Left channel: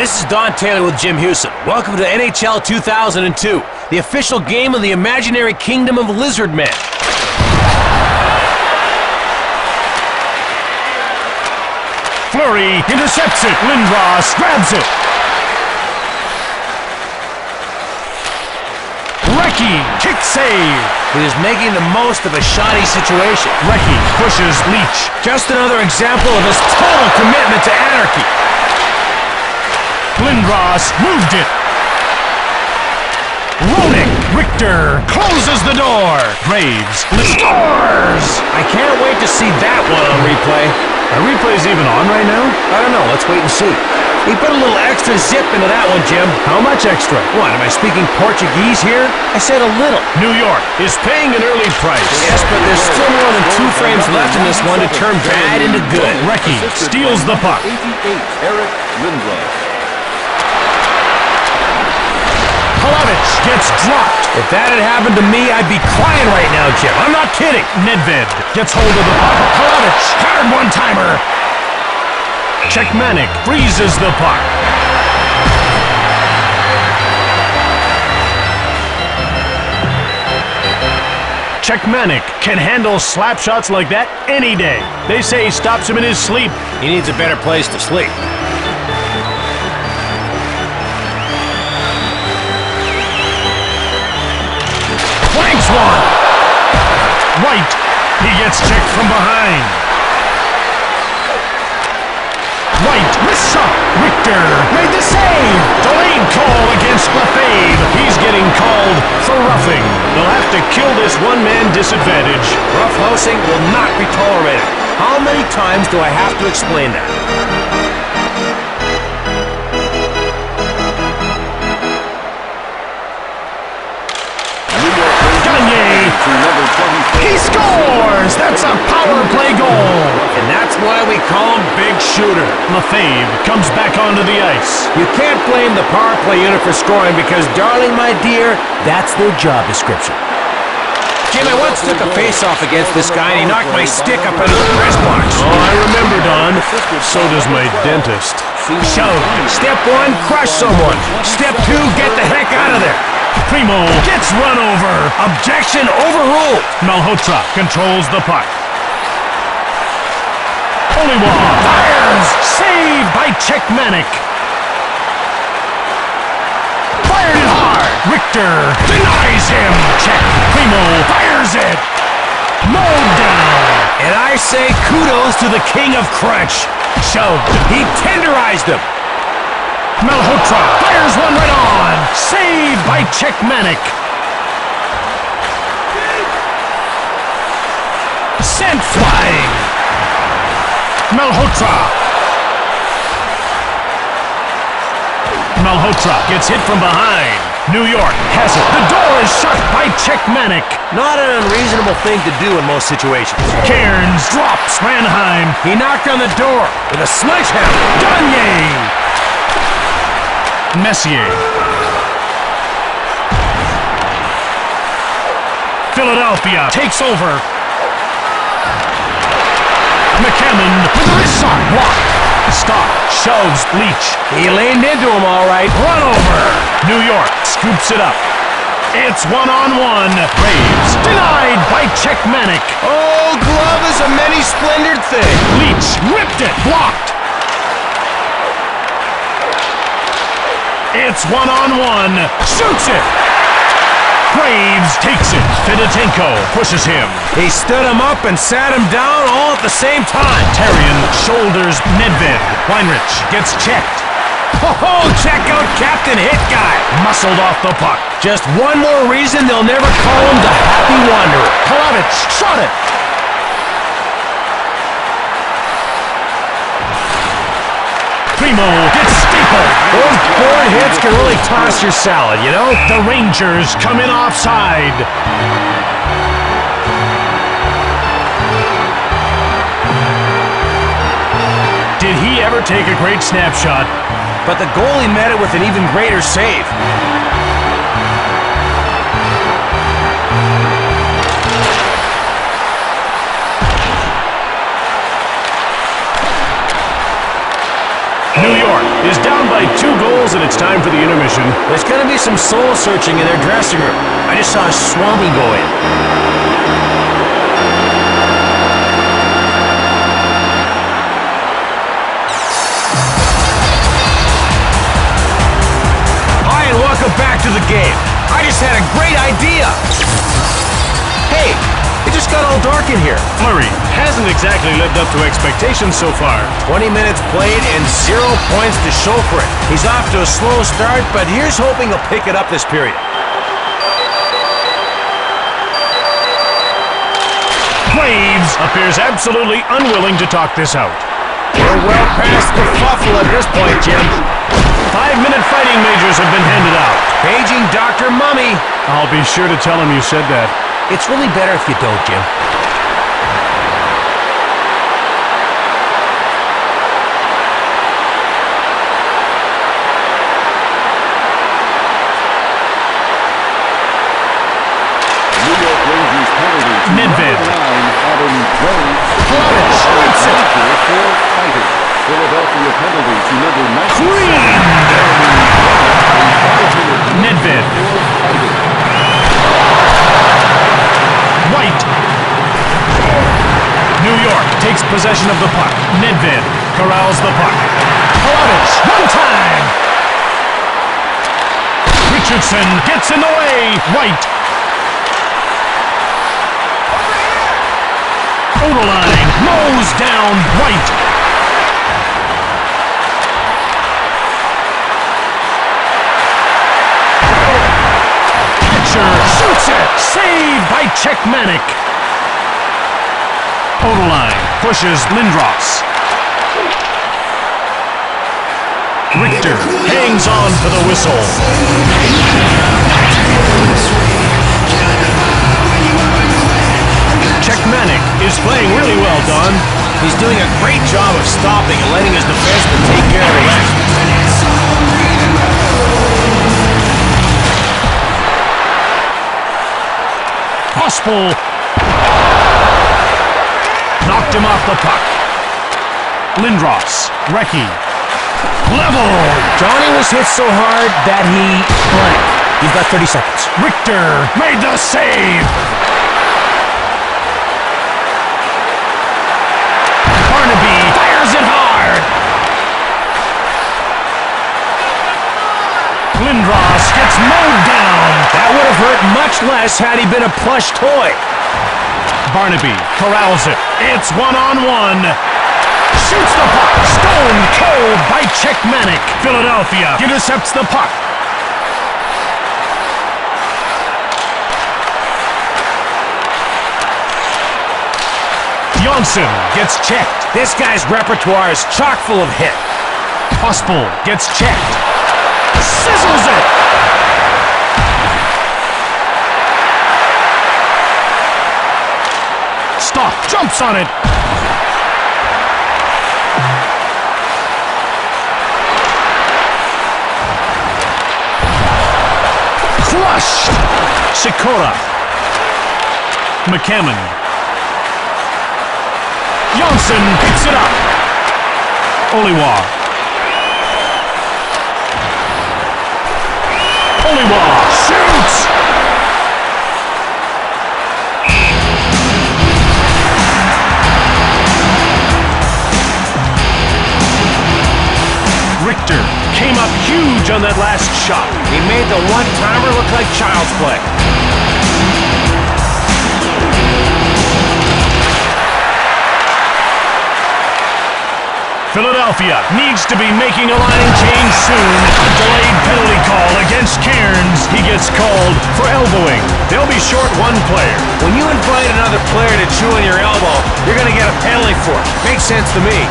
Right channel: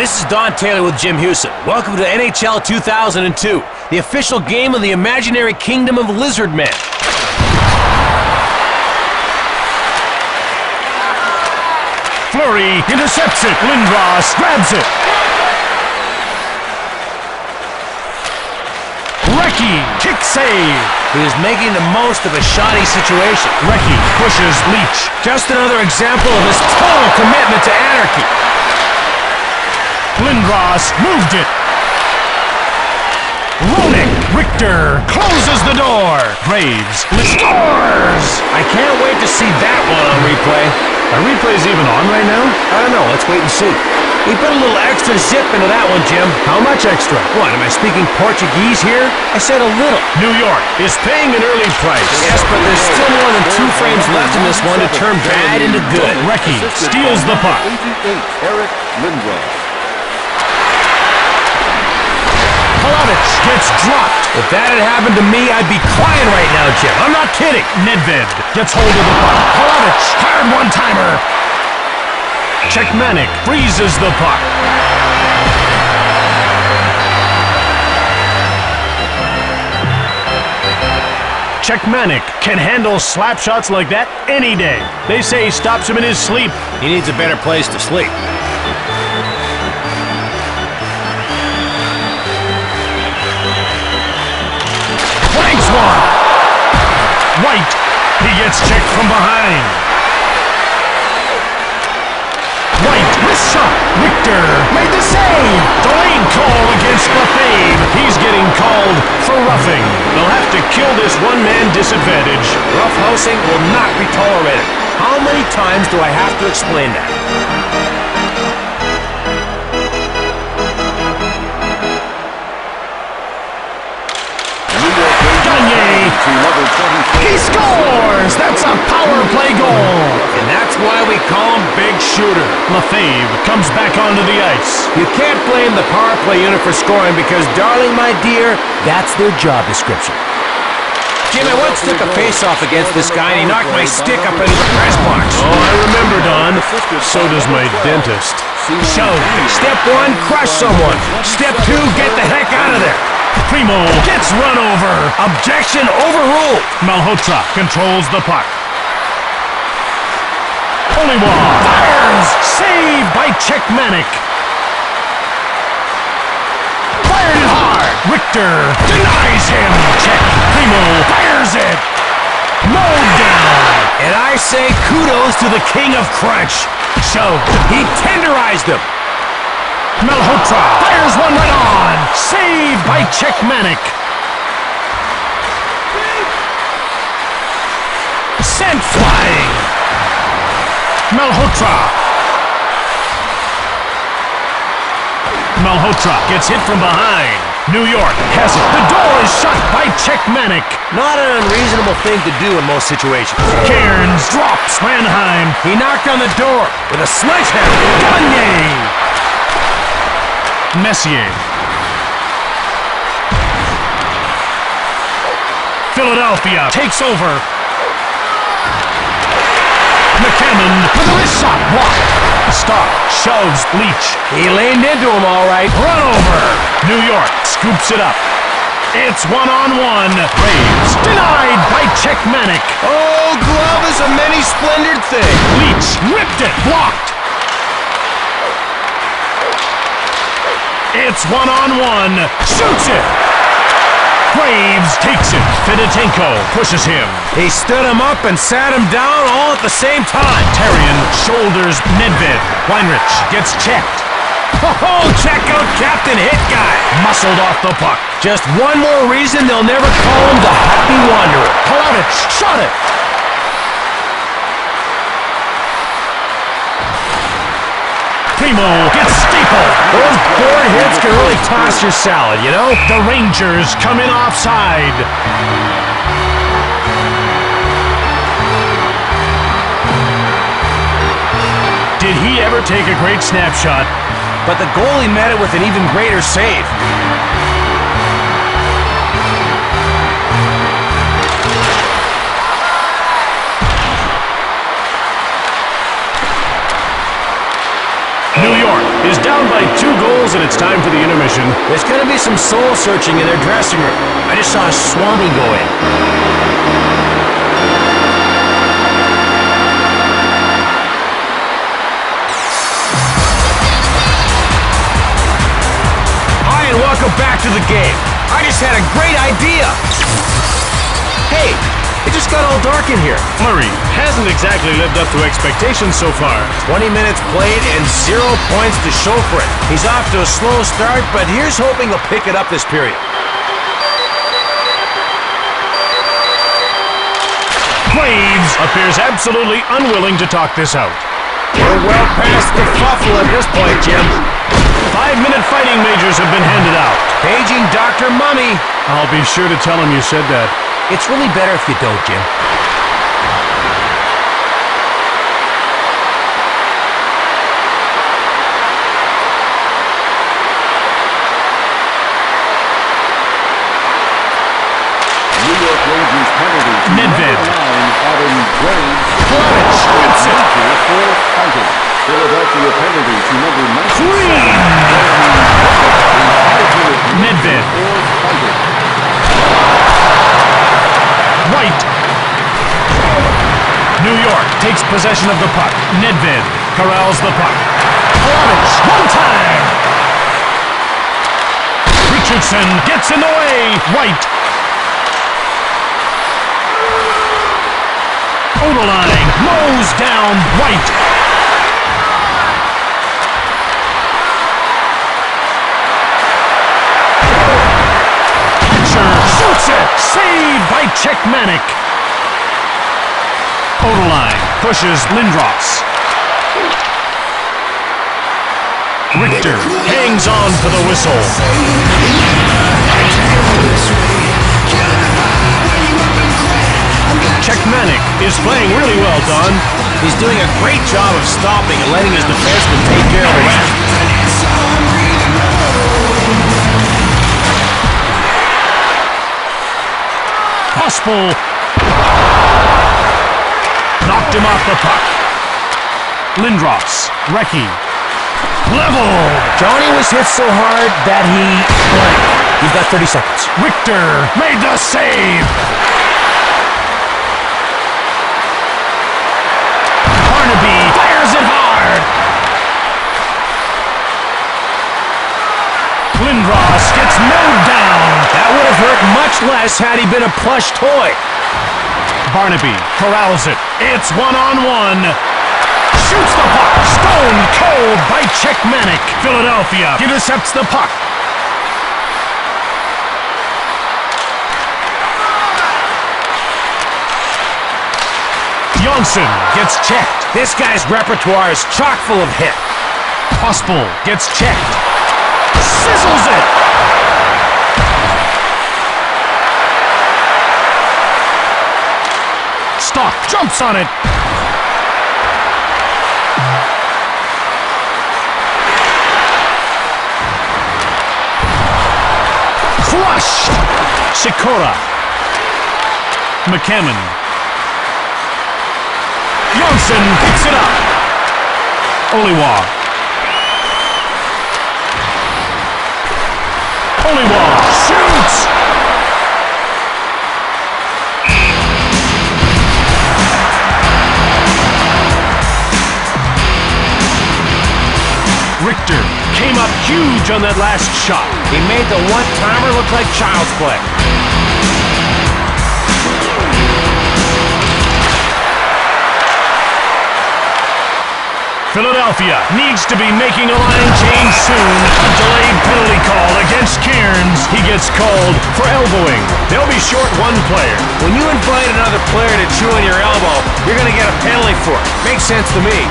This is Don Taylor with Jim Hewson. Welcome to NHL 2002, the official game of the imaginary kingdom of lizard men. Fleury intercepts it. Lindros grabs it. Recchi, kick save. He was making the most of a shoddy situation. Recchi pushes Leach. Just another example of his total commitment to anarchy. Lindros moved it. Roenick. Richter closes the door. Graves scores. I can't wait to see that one on replay. Are replays even on right now? I don't know. Let's wait and see. He put a little extra zip into that one, Jim. How much extra? What, am I speaking Portuguese here? I said a little. New York is paying an early price. Yes, but there's still more than 2 frames left in this one to turn bad into good. Recchi steals the puck. 88, Eric Lindros. Palavich gets dropped. If that had happened to me, I'd be crying right now, Jim. I'm not kidding. Nedved gets hold of the puck. Palavich, hard one-timer. Czechmanic freezes the puck. Czechmanic can handle slap shots like that any day. They say he stops him in his sleep. He needs a better place to sleep. Flanks one. White. He gets checked from behind. White, wrist shot. Richter made the save. Delayed call against Lefebvre. He's getting called for roughing. They'll have to kill this one-man disadvantage. Roughhousing will not be tolerated. How many times do I have to explain that? He scores! That's a power play goal! And that's why we call him Big Shooter. Lefebvre comes back onto the ice. You can't blame the power play unit for scoring because, darling, my dear, that's their job description. Jim, I once took a face-off against this guy and he knocked my stick up into the press box. Oh, I remember, Don. So does my dentist. Shove. Step 1, crush someone. Step 2, get the heck out of there. Primo gets run over. Objection overruled. Malhotra controls the puck. Oliwa fires. Saved by Czechmanic. Fired it hard. Richter denies him. Check. Primo fires it. Mowed down. And I say kudos to the king of crunch. Shoved. He tenderized him. Malhotra fires one right on. Saved by Czechmanic. Sent flying. Malhotra. Malhotra gets hit from behind. New York has it. The door is shut by Czechmanic. Not an unreasonable thing to do in most situations. Cairns drops Ranheim. He knocked on the door with a sledgehammer. Gagne. Messier. Philadelphia takes over. McCammon with a wrist shot blocked. Stock shoves Leach. He leaned into him all right. Run over. New York scoops it up. It's one-on-one. Graves denied by Czechmanic. Oh, glove is a many-splendored thing. Leach ripped it. Blocked. It's one-on-one. Shoots it. Graves takes it. Fedotenko pushes him. He stood him up and sat him down all at the same time. Therrien shoulders Nedved. Weinrich gets checked. Oh, check out Captain Hit Guy. Muscled off the puck. Just one more reason they'll never call him the Happy Wanderer. Palavich shot it. Primo gets stapled. Those board hits can really toss your salad, you know? The Rangers come in offside. Did he ever take a great snapshot? But the goalie met it with an even greater save. New York is down by 2 goals, and it's time for the intermission. There's going to be some soul-searching in their dressing room. I just saw a Swami go in. Hi, and welcome back to the game. I just had a great idea. Hey, it just got all dark in here. Murray hasn't exactly lived up to expectations so far. 20 minutes played and 0 points to show for it. He's off to a slow start, but here's hoping he'll pick it up this period. Graves appears absolutely unwilling to talk this out. We're well past the fuffle at this point, Jim. 5-minute fighting majors have been handed out. Paging Dr. Mummy. I'll be sure to tell him you said that. It's really better if you don't, Jim. New York Rangers penalty to Nedved. number 9, Adam Graves. Palovich whips it. Major for fighting. Philadelphia penalty to number 19. Green. Nedved. For fighting. White. New York takes possession of the puck. Nedved corrals the puck. Palovich, one time. Richardson gets in the way. White. Odeline mows down White. Catcher shoots it. Saved by Czechmanic. Odeline pushes Lindros. Richter hangs on for the whistle. Czechmanic is playing really well, Don. He's doing a great job of stopping and letting his defenseman take care of the rest. Pospel knocked him off the puck. Lindros, Recchi, leveled. Johnny was hit so hard that he blanked. You've got 30 seconds. Richter made the save. Barnaby fires it hard. Lindros gets mowed down. That would have hurt much less had he been a plush toy. Barnaby corrals it. It's 1-on-1. Shoots the puck. Stone cold by Czechmanic. Philadelphia intercepts the puck. Johnson gets checked. This guy's repertoire is chock full of hit. Pospel gets checked. Sizzles it. Stock jumps on it. Crushed. Sikora. McCammon. Johnson picks it up. Oliwa. Oliwa shoots. Richter came up huge on that last shot. He made the one-timer look like child's play. Philadelphia needs to be making a line change soon. A delayed penalty call against Cairns. He gets called for elbowing. They'll be short one player. When you invite another player to chew on your elbow, you're going to get a penalty for it. Makes sense to me.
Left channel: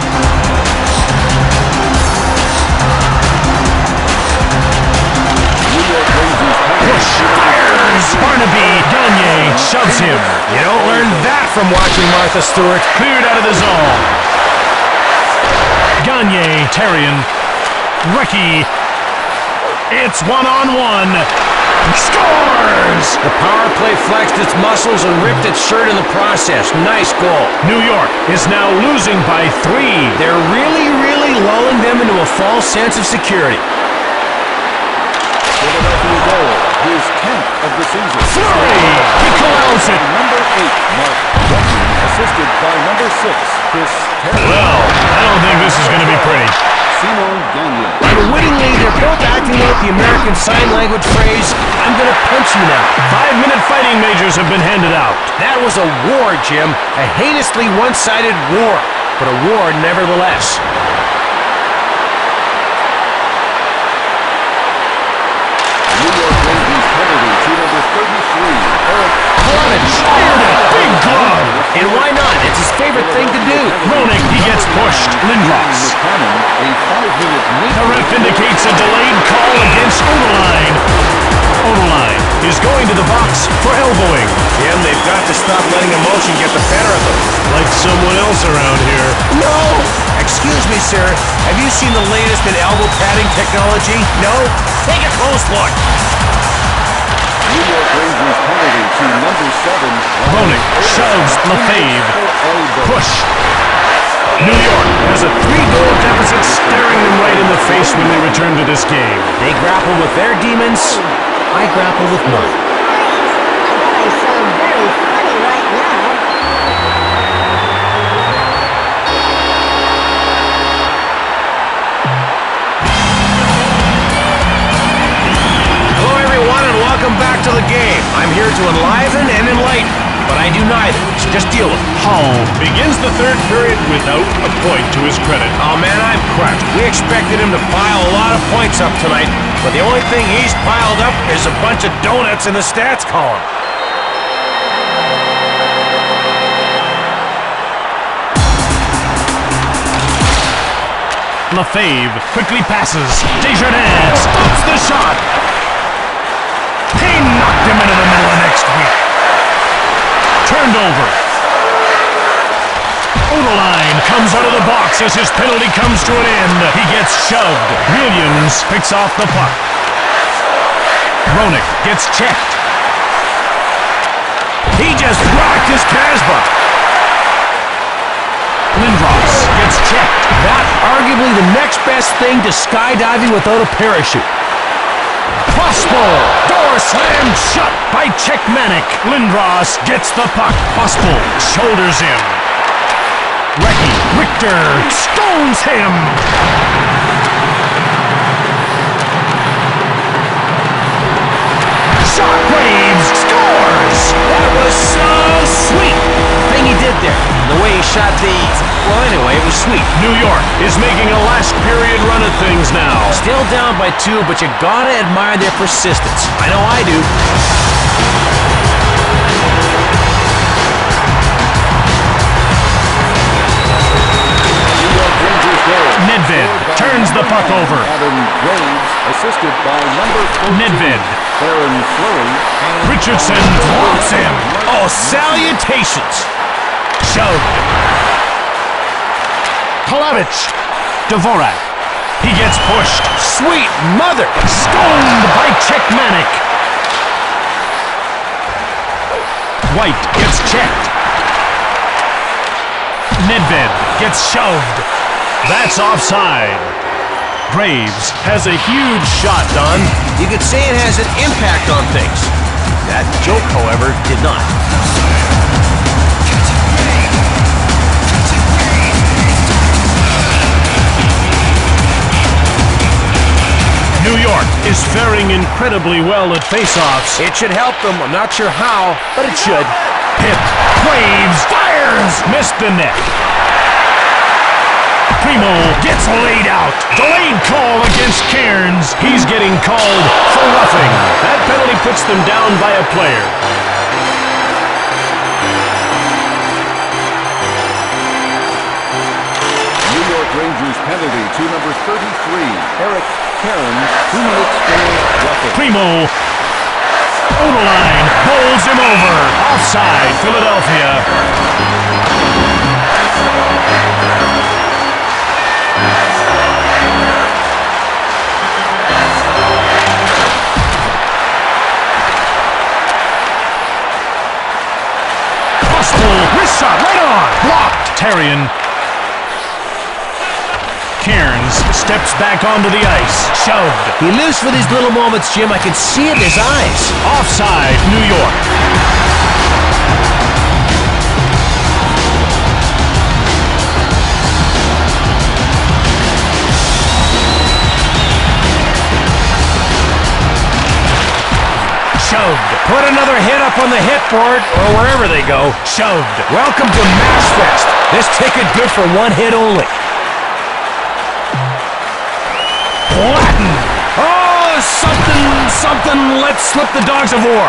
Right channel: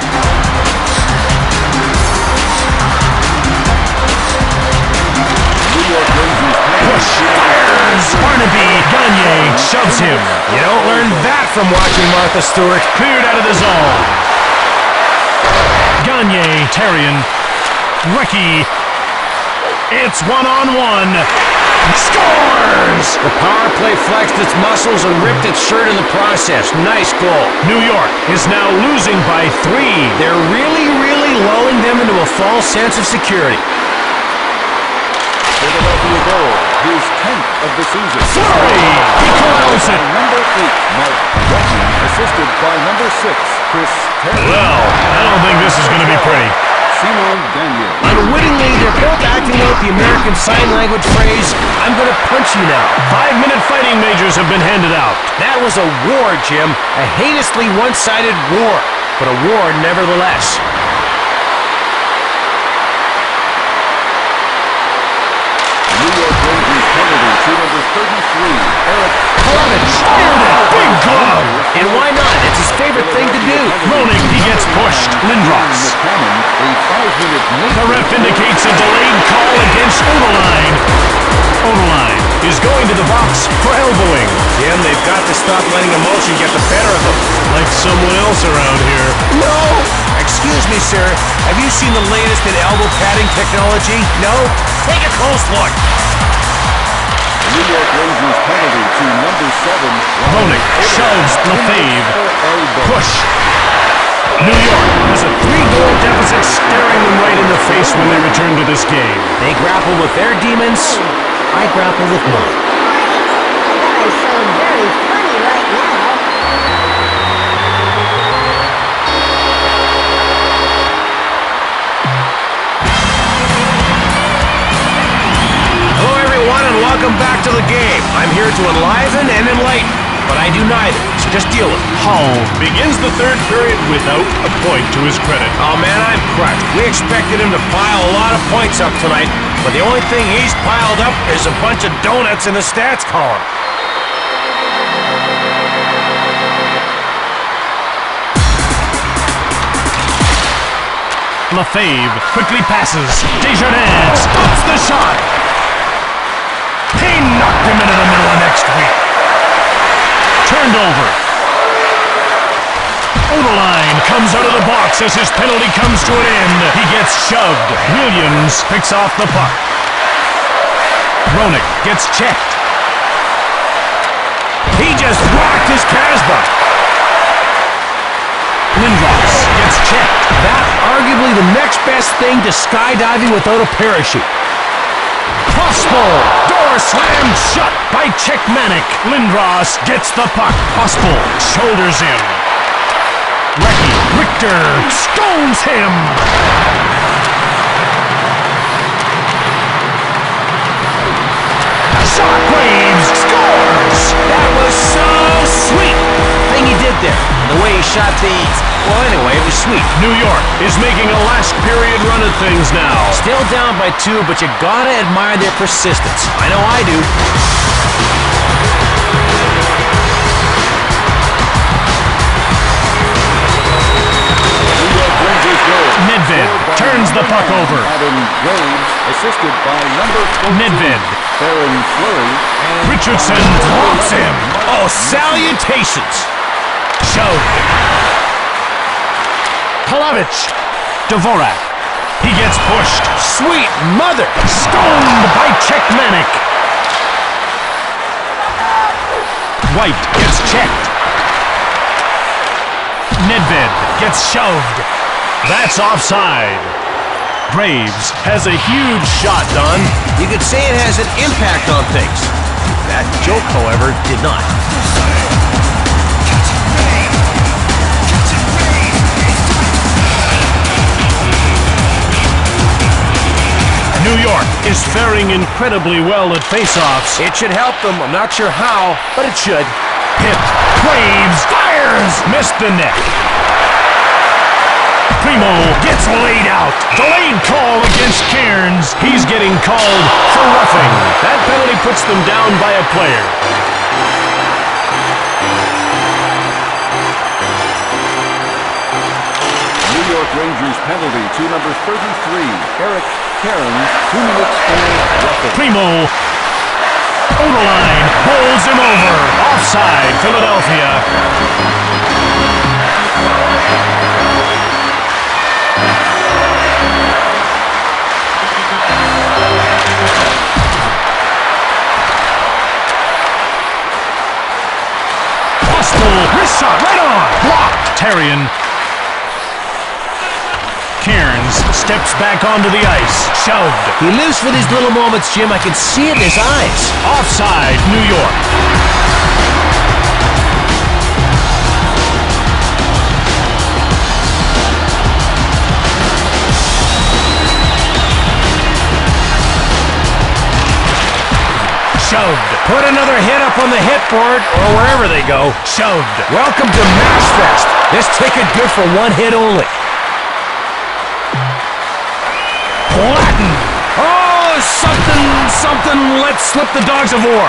New York Rangers penalty. Push, fires, Barnaby, Gagne shoves him. You don't learn that from watching Martha Stewart. Cleared out of the zone. Gagne, Terrien, Recchi. It's 1-on-1. Scores! The power play flexed its muscles and ripped its shirt in the process. Nice goal. New York is now losing by 3. They're really, really completely lulling them into a false sense of security. Philadelphia goal, his 10th of the season. Flurry! He corrals it. Number 8, Mark Recchi, assisted by number 6, Chris Terry. Well, I don't think this is going to be pretty. Simon Gagnon. Unwittingly, they're both acting out the American Sign Language phrase, "I'm gonna punch you now." 5-minute fighting majors have been handed out. That was a war, Jim. A heinously one-sided war, but a war nevertheless. New York Rangers penalty to number 33, Eric Palovich fired it. Big glove. And why not? It's his favorite thing to do. Roenick, he gets pushed. Lindros. McCammon, a 5-minute The ref indicates a delayed call against Oderline. Oderline is going to the box for elbowing. Jim, they've got to stop letting emotion get the better of them. Like someone else around here. No! Excuse me, sir. Have you seen the latest in elbow padding technology? No? Take a close look. New York Rangers penalty to number 7, Roenick shoves Lefebvre. Push. New York has a 3-goal deficit staring them right in the face when they return to this game. They grapple with their demons. I grapple with mine. I bet I sound very funny right now. Hello, everyone, and welcome back to the game. I'm here to enliven and enlighten, but I do neither, so just deal with it. Hull begins the third period without a point to his credit. Oh, man, I'm crushed. We expected him to pile a lot of points up tonight, but the only thing he's piled up is a bunch of donuts in the stats column. Lefebvre quickly passes. Desjardins stops the shot. He knocked him into the middle of next week. Turned over. Oderline comes out of the box as his penalty comes to an end. He gets shoved. Williams picks off the puck. Roenick gets checked. He just rocked his Casbah. Lindros gets checked. That arguably the next best thing to skydiving without a parachute. Pospel! Door slammed shut by Czechmanic. Lindros gets the puck. Pospel shoulders him. Recchi. Richter stones him. Shockwaves scores! That was so sweet. The thing he did there, the way he shot the... Well, anyway, it was sweet. New York is making a last period run at things now. Still down by 2, but you gotta admire their persistence. I know I do. New York Rangers goal. Nedved Scored by turns the number puck 9, over. Adam Graves, assisted by number 14, Nedved. Theron Fleury, and Richardson drops him. Oh, salutations. Shoved. Palovich. Dvorak. He gets pushed. Sweet mother. Stoned by Czechmanic. White gets checked. Nedved gets shoved. That's offside. Graves has a huge shot, Don. You could say it has an impact on things. That joke, however, did not. New York is faring incredibly well at faceoffs. It should help them. I'm not sure how, but it should. Hit. Graves fires. Missed the net. Primo gets laid out. Delayed call against Cairns. He's getting called for roughing. That penalty puts them down by a player. New York Rangers penalty to number 33, Eric Cairns, 2 minutes for roughing. Primo. Oderline bowls him over. Offside, Philadelphia. Pospel, wrist shot right on. Blocked. Terrian. Cairns steps back onto the ice. Shoved. He lives for these little moments, Jim. I can see it in his eyes. Offside, New York. Shoved. Put another hit up on the hit board, or wherever they go. Shoved. Welcome to Matchfest. This ticket good for one hit only. Latin. Oh, something. Let's slip the dogs of war.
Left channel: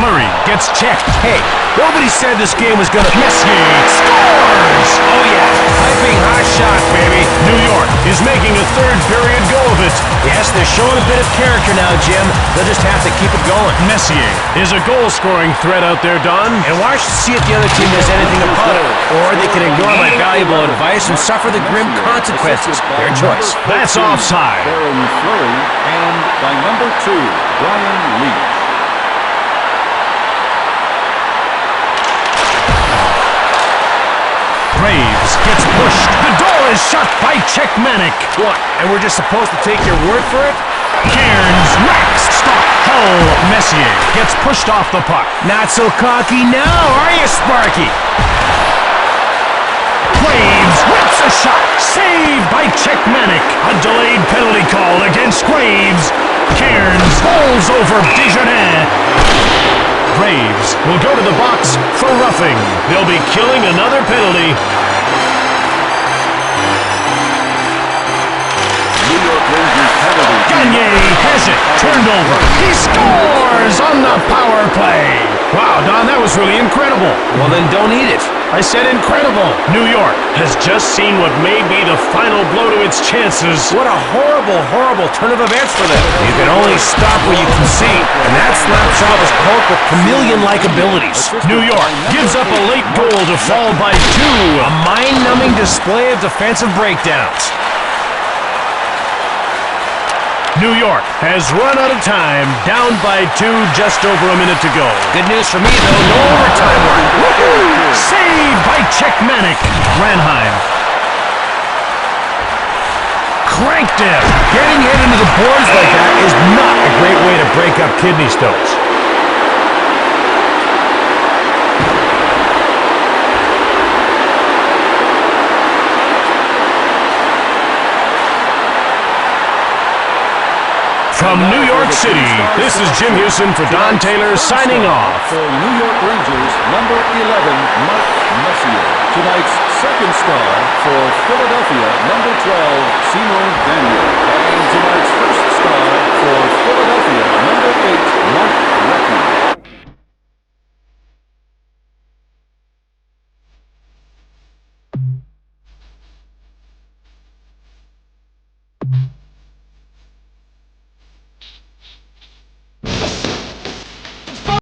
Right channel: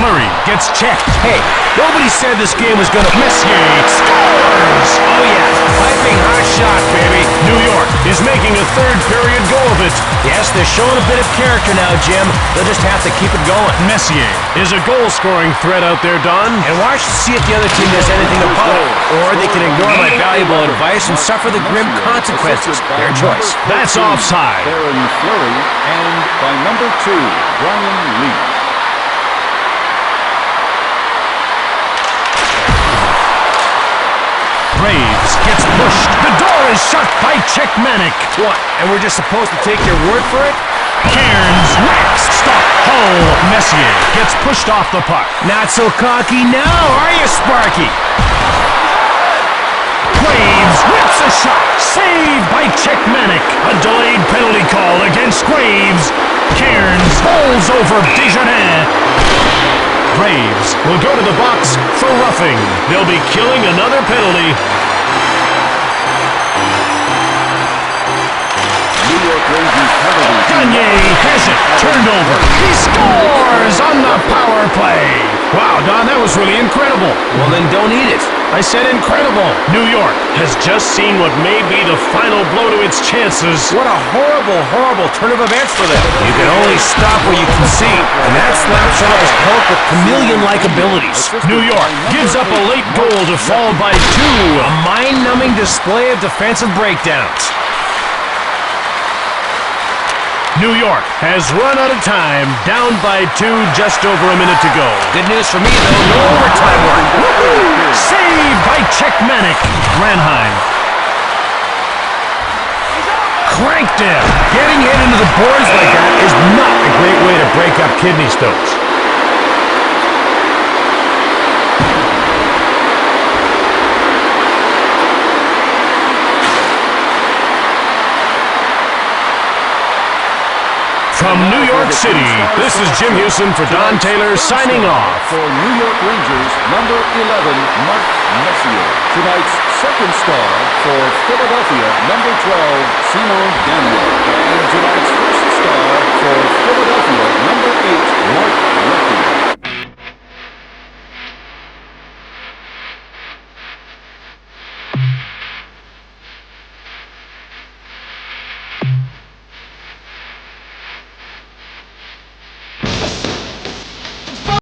Fleury gets checked. Hey, nobody said this game was gonna... Messier scores! Oh yeah, piping hot shot, baby. New York is making a third period go of it. Yes, they're showing a bit of character now, Jim. They'll just have to keep it going. Messier is a goal-scoring threat out there, Don. And watch to see if the other team does anything about it. Or they can ignore my valuable advice and suffer the grim consequences. Their choice. That's offside. Aaron Fleury, and by number 2, Brian Leach. Graves gets pushed. The door is shut by Czechmanic. What? And we're just supposed to take your word for it? Cairns racks. Stop. Hull. Messier gets pushed off the puck. Not so cocky now, are you, Sparky? Graves rips a shot. Saved by Czechmanic. A delayed penalty call against Graves. Cairns bowls over Desjardins. Graves will go to the box for roughing. They'll be killing another penalty. New York Rangers penalty. Gagne has it. Turned over. He scores on the power play. Wow, Don, that was really incredible. Well, then don't eat it. I said incredible. New York has just seen what may be the final blow to its chances. What a horrible turn of events for them. You can only stop what you can see, and that slap shot was cloaked with chameleon-like abilities. New York gives up a late goal to fall by 2. A mind-numbing display of defensive breakdowns. New York has run out of time, down by 2, just over a minute to go. Good news for me, though, no overtime work. Woohoo! Saved by Czechmanic. Ranheim. Cranked him. Getting hit into the boards like that is not a great way to break up kidney stones. From New York City, this is Jim Houston for Don Taylor signing off. For New York Rangers, number 11, Mark Messier. Tonight's second star for Philadelphia, number 12, Simon Daniel. And tonight's first star for Philadelphia, number 8, Mark Recchi.